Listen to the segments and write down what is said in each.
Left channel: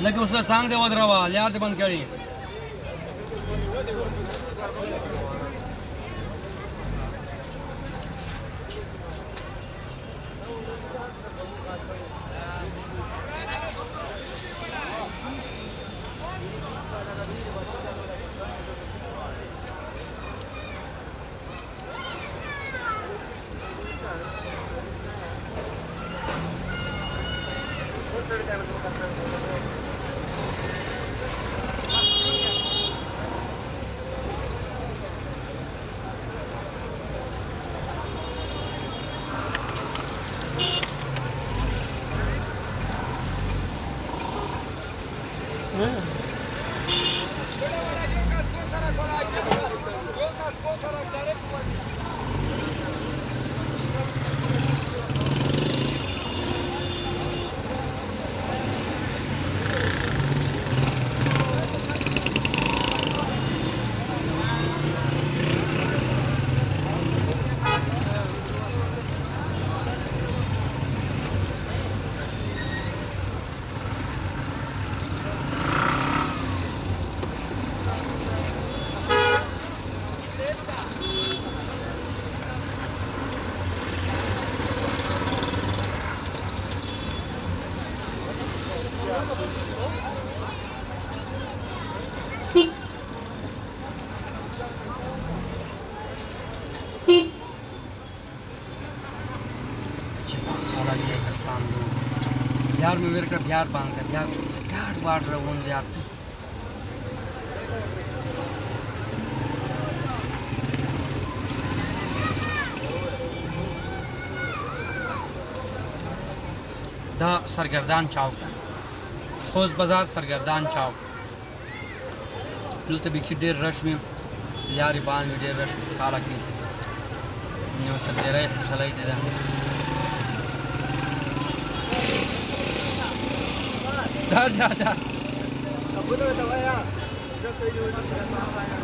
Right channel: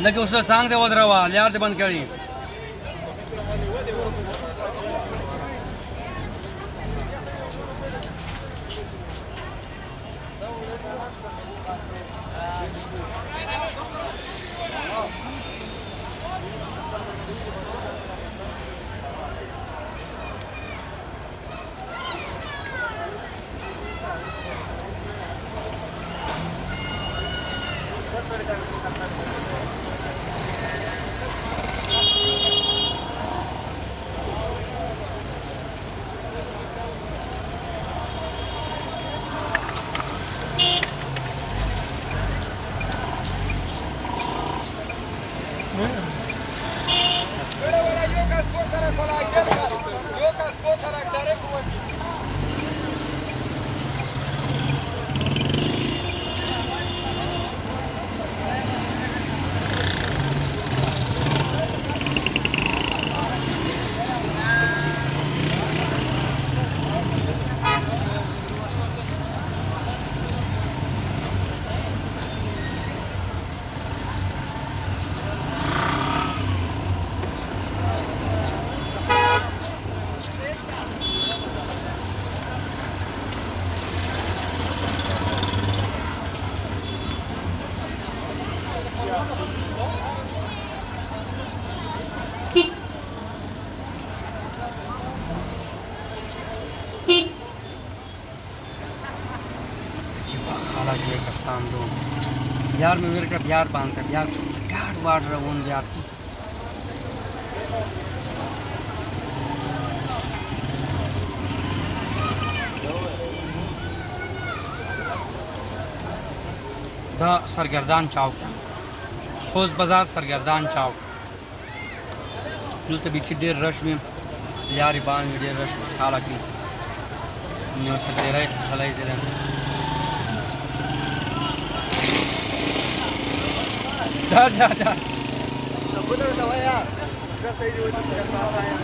लगे उसला सांग दे वदरावा यार ते बंद केळी बिहार में मेरे का बिहार बांधता है बिहार घाट बाढ़ रहा हूँ बिहार से द सरगर्दान चौक खोज बाजार सरगर्दान चौक तो बीच देर रश में यार बांध में देर रश में खाला की न्यू सतेरा खुशलाई जरा जा जा जा Aku tuh tahu ya, sudah saya juga sudah tahu ya.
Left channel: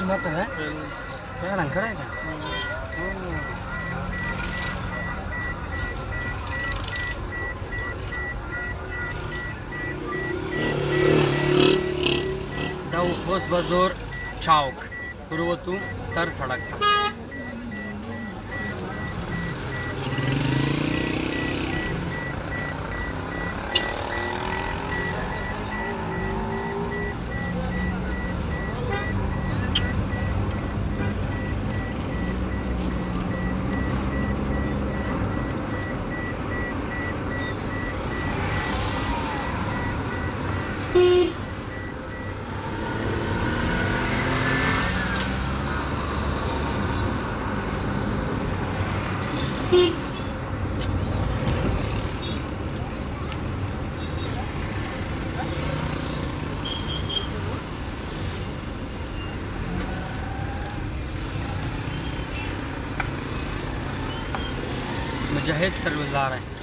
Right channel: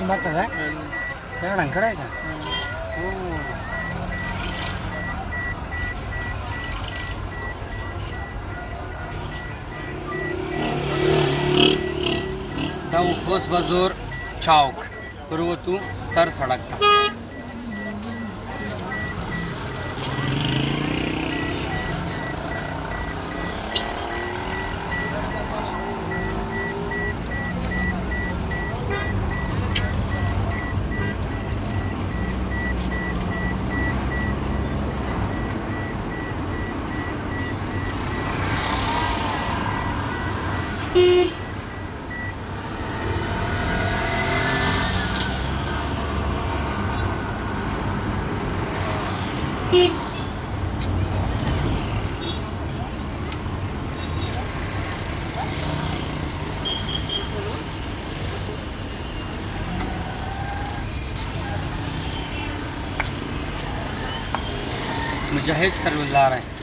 तुमची मागता का एवढ्यांकडे आहे का हो दाऊ खोस बाजूर चौक पूर्वतू स्तर सड़क था मुजाहिद सर्विस ला रहे हैं